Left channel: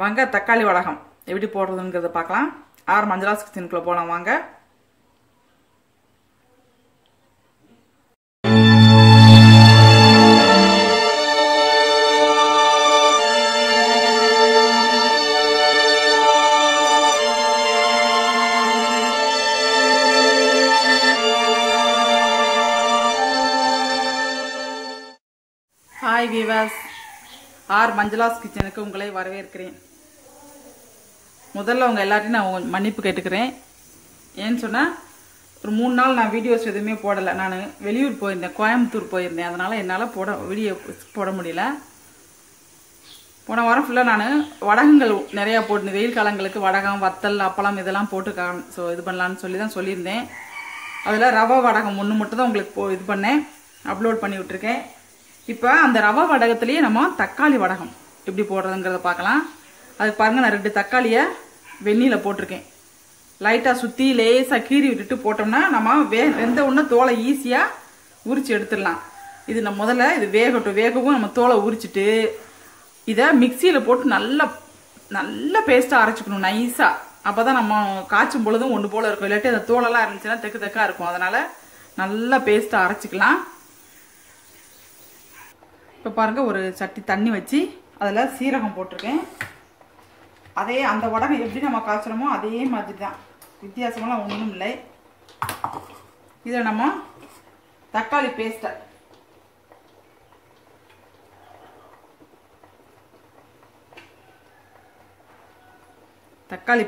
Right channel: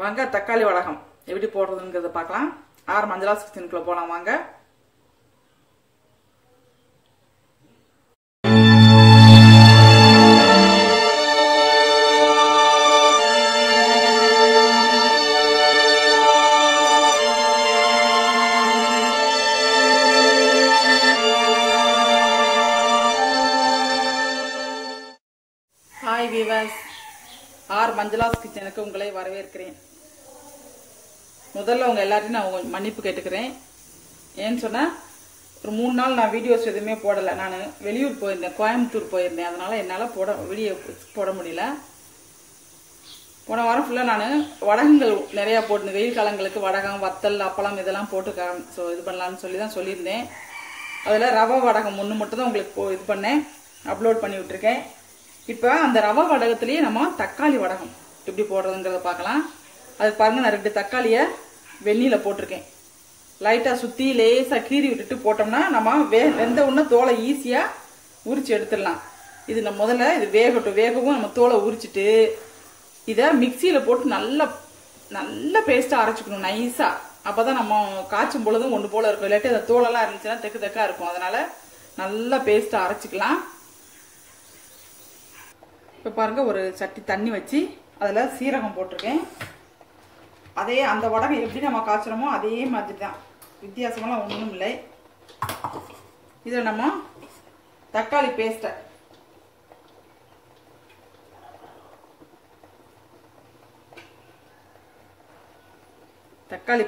வாங்க தக்காளி வடகம் எப்படி போடுறதுங்கிறத பார்க்கலாம். ஆர் மஞ்சளாஸ் கிச்சனுக்குள்ள போலாம் வாங்க. ஹாய் வீவர்ஸ், ஆர் மஞ்சளாஸ் கிச்சனுக்கு உங்களை வரவேற்கிறேன். முதல்ல உங்க எல்லாரையும் நான் மன்னிப்பு கேட்டுக்கிறேன். ஏன்னு சொன்னா ஒரு 3 நாள் நான் வீடியோஸ் எதுவுமே போடலை. நான் வெளியூர் போயிருந்தேன், கோயம்புத்தூர் போயிருந்தேன். அதனால என்னால் வீடியோ போட முடியல. போன வாரம் ஃபுல்லாக நான் வடகங்கள் நிறையா போட்டு வெயில் காலங்களுக்கு வடகம், வத்தல், அப்பளம் இதெல்லாம் போட்டு இது பண்ணலான்னு சொல்லி தான் சொல்லியிருந்தேன். அதில் ரவை வடகம் ஒன்று மட்டும் தான் உங்களுக்கு இது பண்ணேன், அப்லோட் பண்ணி விட்டுருக்கேன். இப்போ அந்த ரவை வடகத்திலேயே நம்ம தக்காளி வடகம் எப்படி போடுறதுங்கிறத பார்க்கலாம். அதுக்கு பாருங்க, நான் 2 தக்காளியை வெந்நீல போட்டிருக்கேன். லைட்டாக சுற்றி லேசாக கீறி விட்டுட்டு போட்டோம்னா நம்ம வெந்த உடனே தோலை ஈஸியாக உரிச்சு எடுத்துடலாம். இது நம்ம முதல்ல இது வேகவும் நம்ம தோலை உரிச்சிட்டு இதை மிக்சியில் போட்டு நல்ல பேஸ்ட்டாக அரைச்சிக்கணும் நைஸாக. அப்போ தான் நம்ம காய்ச்சும் பொழுதும் ஒன்று போல இருக்கும். இல்லாட்டி அந்த தோலெல்லாம் இருந்துச்சுன்னா தெக்கா இருக்கும். அதனால நல்லா பேஸ்ட்டாக அரைச்சிக்கலாம். இப்போ பாருங்க, ஒரு சட்டி தண்ணி வச்சு அதில் சீரகம் போட்டிருக்கேன். அதே அந்த வடகம் எப்படி நம்ம காய்ச்சணுமோ அதே மாதிரி தான், வித்தியாசமெல்லாம் ஒன்றும் இல்லை. இதில் நம்ம தக்காளி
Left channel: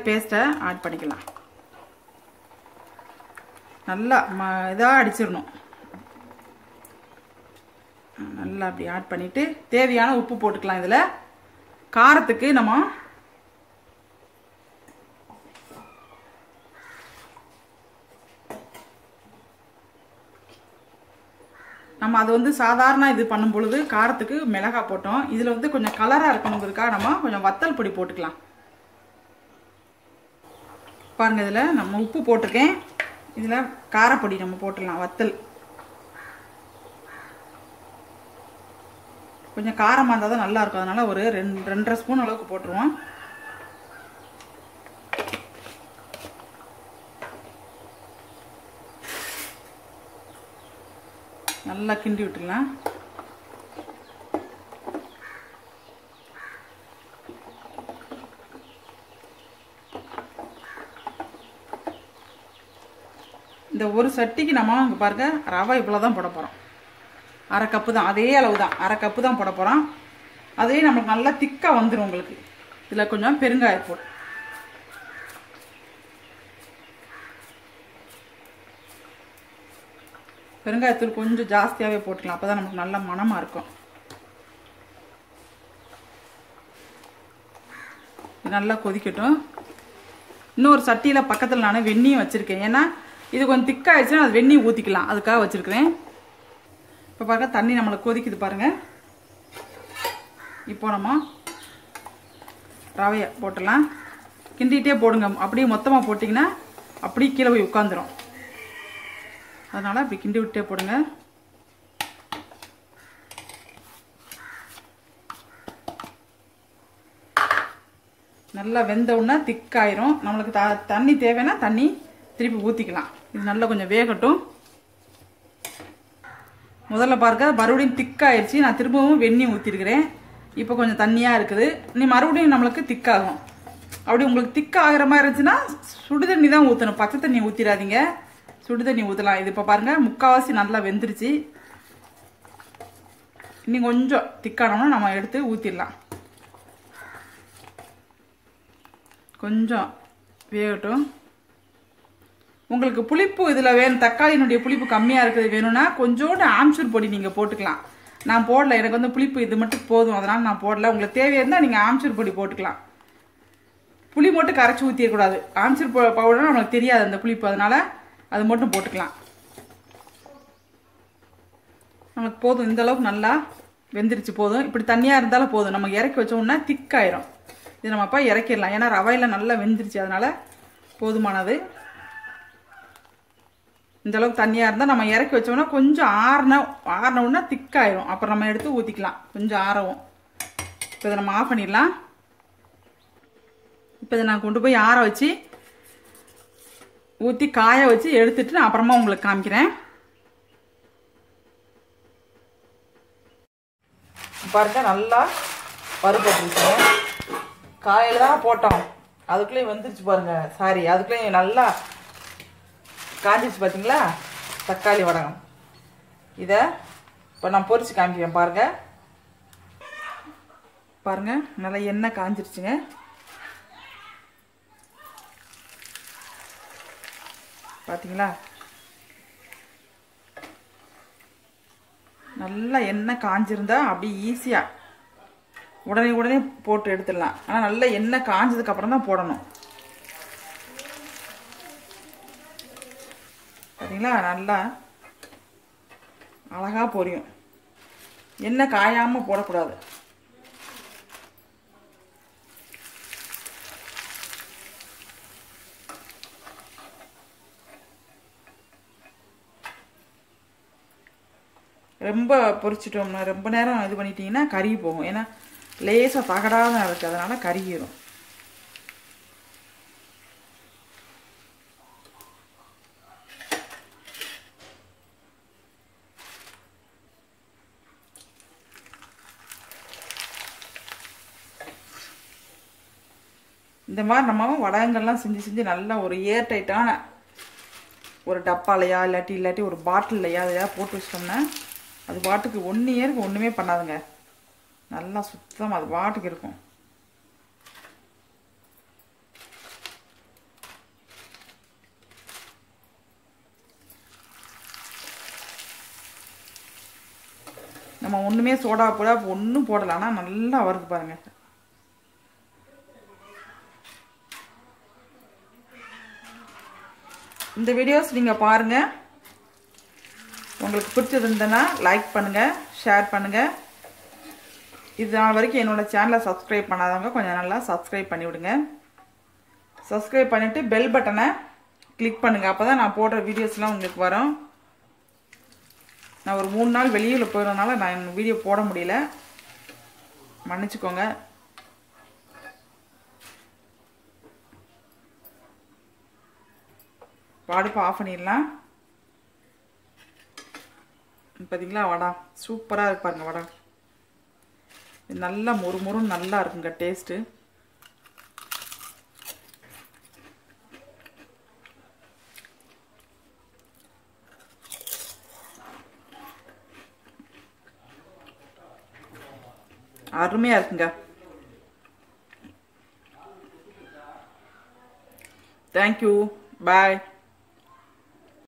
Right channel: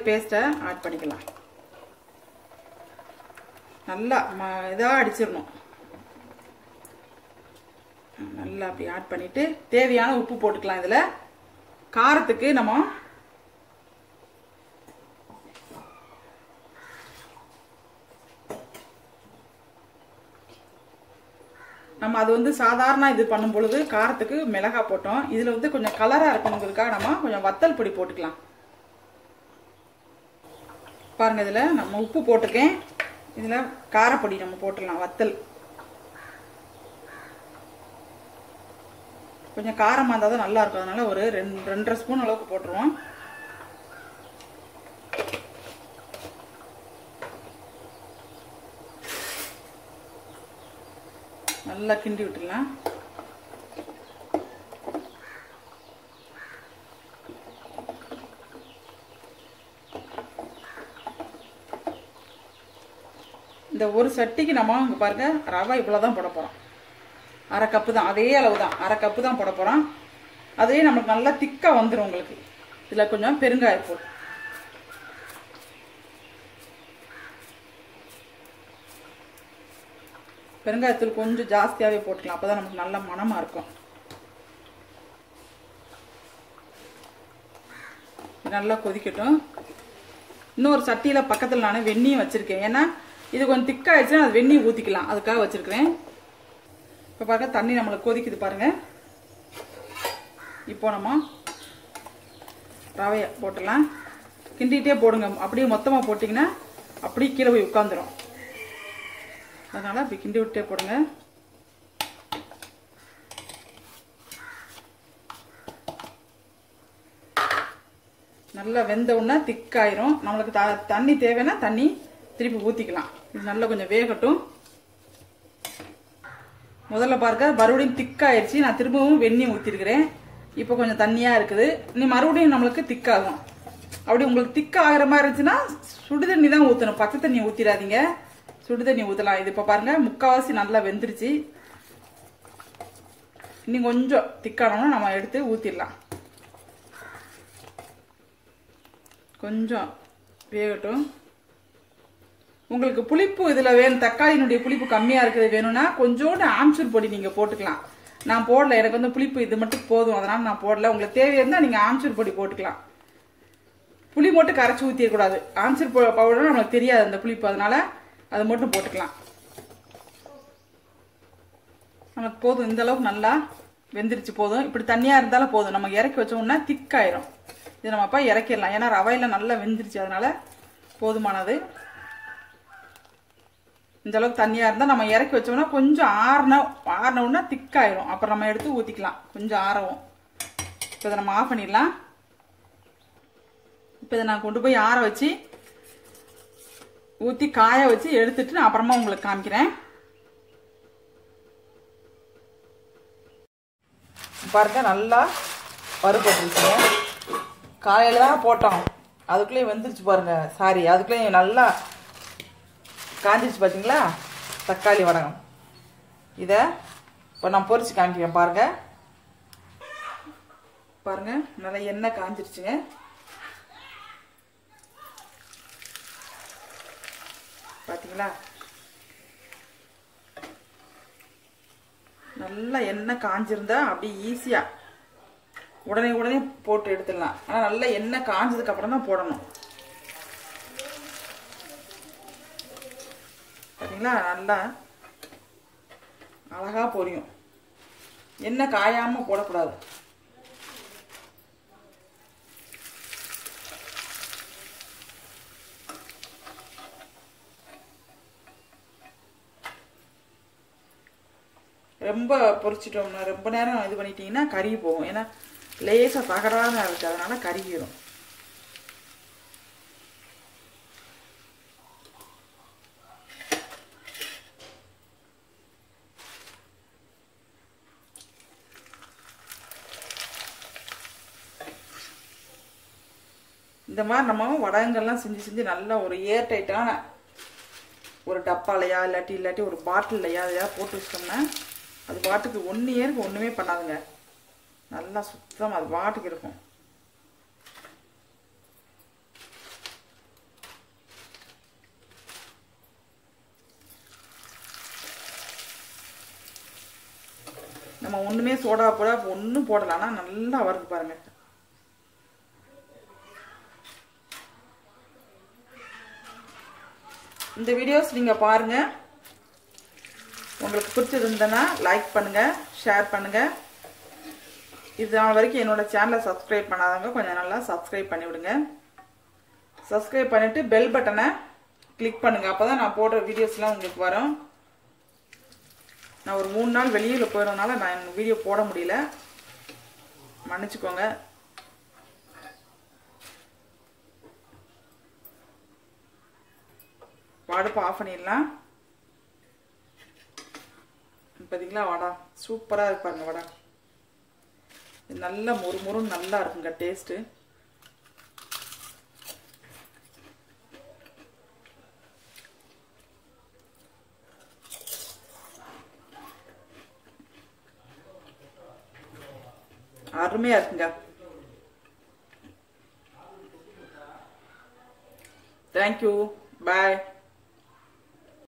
பேஸ்ட்டை ஆட் பண்ணிக்கலாம். நல்லா இதாக அடிச்சிடணும். நல்லா அப்படி ஆட் பண்ணிட்டு தேவையான உப்பு போட்டுக்கலாம். இதுல காரத்துக்கு நம்ம அது சாதாரண இது பண்ணும் பொழுது காரத்துக்கு மிளகாய் போட்டோம். இதுல கொஞ்சம் கலரா இருக்கணுங்கிறதுக்காக நம்ம கொஞ்சம் வத்தல் பொடி போட்டுக்கலாம். பாருங்க, இதுல நம்ம உப்பு போட்டிருக்கேன். இதுல காரப்பொடி நம்ம போட்டுடலாம். வத்தல் கொஞ்சம் காரமாக இருந்தால் தான் நல்லா இருக்கும். அதனால ஒரு 2.5 ஸ்பூன் அளவுக்கு போட்டுருவோம். நல்லா கிண்டி விட்டுடலாம். இந்த ஒரு சட்டிக்கு நம்ம இங்க பாருங்க, ரவை இவ்வளவுதான் போட போறோம். 1/2 கப்பு தான், அதே அளவு தான், 1/2 கப்பு தான் போட போறோம். அதே நமக்கு நல்லா திக்கா வந்துடும். உங்களுக்கு இதுல கொஞ்சம் பெருங்காயத்தூள், பெருங்காயத்தூள் கொஞ்சம் ஜாஸ்தியாவே போட்டுக்கலாம். அப்பதான் நமக்கு நல்ல மணமா இருக்கும். நல்லா கொதிக்கட்டும். இன்னொரு சட்டியில பக்கத்துல நான் வெந்நீர் வச்சிருக்கேன். ஏன்னா இது கொஞ்சம் திக்காயிடுச்சுன்னா அது வெந்நீர் ஊத்திக்கலாம், அதுக்காக வச்சிருக்கிறேன். இப்போ பாருங்க, தண்ணி நம்மளுக்கு கொதிக்குது பாருங்க. இப்போ நம்ம ரவையை போட்டுடலாம். கிண்டிகிட்டே போடுங்க. அப்படியே மொத்தமாக போட்டிங்கன்னா அப்படியே கீழே போய் உட்காந்துரும். அதனால அப்படி கிண்டி விட்டே போடுங்க. நல்லா வெந்த உடனே திக்காயிரும். நம்மளுக்கு தண்ணி தேவைன்னா தண்ணி திருப்பி ஊற்றிக்கலாம். இது நல்லா கொஞ்சம் வேகட்டும். முதல்ல பாருங்க, மறுபடியும் திக்காயிருச்சு. நான் திரும்பவும் வெந்நீர் ஊற்றிருக்கிறேன். இப்போ கொஞ்சம் தண்ணியா இருக்குது. நீ மறுபடியும் நம்மளுக்கு திக்காகும். அப்படி உங்களுக்கு திக்க ஆகிற மாதிரி இருந்துச்சுன்னா சுடுதண்ணி தான் ஊற்றணும், பச்சை தண்ணி ஊற்றிடாதீங்க. சுடுதண்ணி ஊற்றலாம். இது இப்போ பாருங்க, முக்கால்வாசி நல்லா வெந்துருச்சு. இன்னும் கொஞ்சம் திக்கானோம்னா நம்ம எடுத்து ஊற்றிடலாம். கொஞ்சம் வேகட்டும். உங்களுக்கு புளிப்பு இதுல வேணும், தக்காளியினுடைய புளிப்பு கம்மியா இருக்கிறது வேணும்னா கொஞ்சோண்டு ஆம்ச்சூர் பொடி நீங்க போட்டுக்கலாம். நான் போடல, எனக்கு புளிப்பு இது மட்டும் போதும், அதனால நான் போடல. உங்களுக்கு தேவையா இருந்தா நீங்க ஆம்ச்சூர் பொடி போட்டுக்கலாம். புளி மட்டும் கரைச்சி ஊற்றிடக்கூடாது. ஆம்ச்சூர் பவுடர் நம்மளுக்கு தெரியாது அந்த புளிப்பு, அதனால அது மட்டும் போட்டுக்கலாம். நமக்கு போதும், இந்த அளவுக்கு நல்லா வெந்துருச்சு. போதும், இப்படி தண்ணியா இருந்தாலும் போதும். நம்ம இறக்கி வச்சோம்னா திக்காயிரும். இது நம்ம அப்பா இறக்கிடலாம். ஏன்னா ரவையில நல்லா வெந்துருச்சு, அதனால போதுமானது. இந்த அளவுக்கு தண்ணியா இருந்தா நம்ம இறக்கி வச்சோம்னா கொஞ்சம் ஆறினவுன்னா திக்காயிரும். அப்புறம் நம்ம எடுத்து ஊத்திக்கலாம். கொஞ்சம் ஆறவும். இப்போ இதை நம்ம ஆஃப் பண்ணிடலாம். இப்போ இதை நான் கொண்டு போய் ஆற வச்சு ஊற்றி காய வச்சு எடுத்துட்டு நான் அப்புறமா உங்களுக்கு காமிக்கிறேன். பாருங்க நல்லா பருப்பட்டுருச்சுங்க. காலையில தான் போட்டோம், அதுக்குள்ளேயும் வந்துருச்சு பாருங்க. சாரி, அதுக்குள்ளேயும் நல்லா காஞ்சிருச்சு பார்த்தீங்களா தக்காளி வடகம். இதை இப்போ நான் பொரிச்சு காமிக்கிறேன். பாருங்க பாருங்க நல்லா எண்ணெய் காஞ்சிருச்சுங்க. பார்த்தீங்களா நல்லா எண்ணெய் காஞ்சிருந்தா அப்படி ஈஸியா உடனே போட்டு எடுத்துடலாம். ஆனா நல்லா எண்ணெய் காஞ்சதுக்கு அப்புறம் தான் போடணும். பார்த்தீங்களா நல்லா அழகா பொரியும். எண்ணெய் காயாம போடக்கூடாது. ரொம்ப பொரிச்சிட்டோம்னா ரொம்ப நேரம் இது பண்ணிட்டீங்கன்னா கருகி போகும். ஏன்னா லேசா தகடாக இருக்கு, அதனால கருகிரும். இந்த மாதிரி நம்ம வடகங்கள்லாம் செஞ்சு நல்ல ஒரு ஏர் டைட்டான ஒரு டப்பாலையா இல்லாட்டி ஒரு பாட்டில்லையா அதையா போட்டு வச்சிட்டோம்னா அது பாட்டுக்கு 1 இயருக்கு ஒண்ணுமே பண்ணாதுங்க. நல்லா சுத்தம் அது பாட்டுக்கு இருக்கும். நம்ம ஒண்ணுமே சோடா போட ஒன்றும் போடல, ஆனா நல்லா வருது பாருங்க. இந்த வீடியோஸ் நீங்க பாருங்க. உங்களுக்கு பிடிச்சிருந்ததுன்னா லைக் பண்ணுங்க, ஷேர் பண்ணுங்க. இது நாள் வரைக்கும் என்னோட சேனலை சப்ஸ்கிரைப் பண்ணாதவங்க கொஞ்சம் நல்லா சப்ஸ்கிரைப் பண்ணி விடுங்க. சப்ஸ்கிரைப் பண்ணிட்டு பெல் பட்டனை கிளிக் பண்ணுங்க. அப்பதான் நான் போடுற வீடியோஸ்லாம் உங்களுக்கு வரும். நான் ஒரு 3 நாள் வெளியூர்ல போயிடுறதுனால நான் வீடியோ போட முடியல, மன்னிச்சுக்கோங்க. அடுப்பு ஆஃப் பண்ணிடலாம். பார்த்தீங்களா வடை சூப்பரா இருக்கு பாருங்க. வடை நல்லா மொறுமொறுன்னு நல்லா இருக்குங்க டேஸ்ட். அருமையா இருக்குங்க. தேங்க்யூ, பாய்.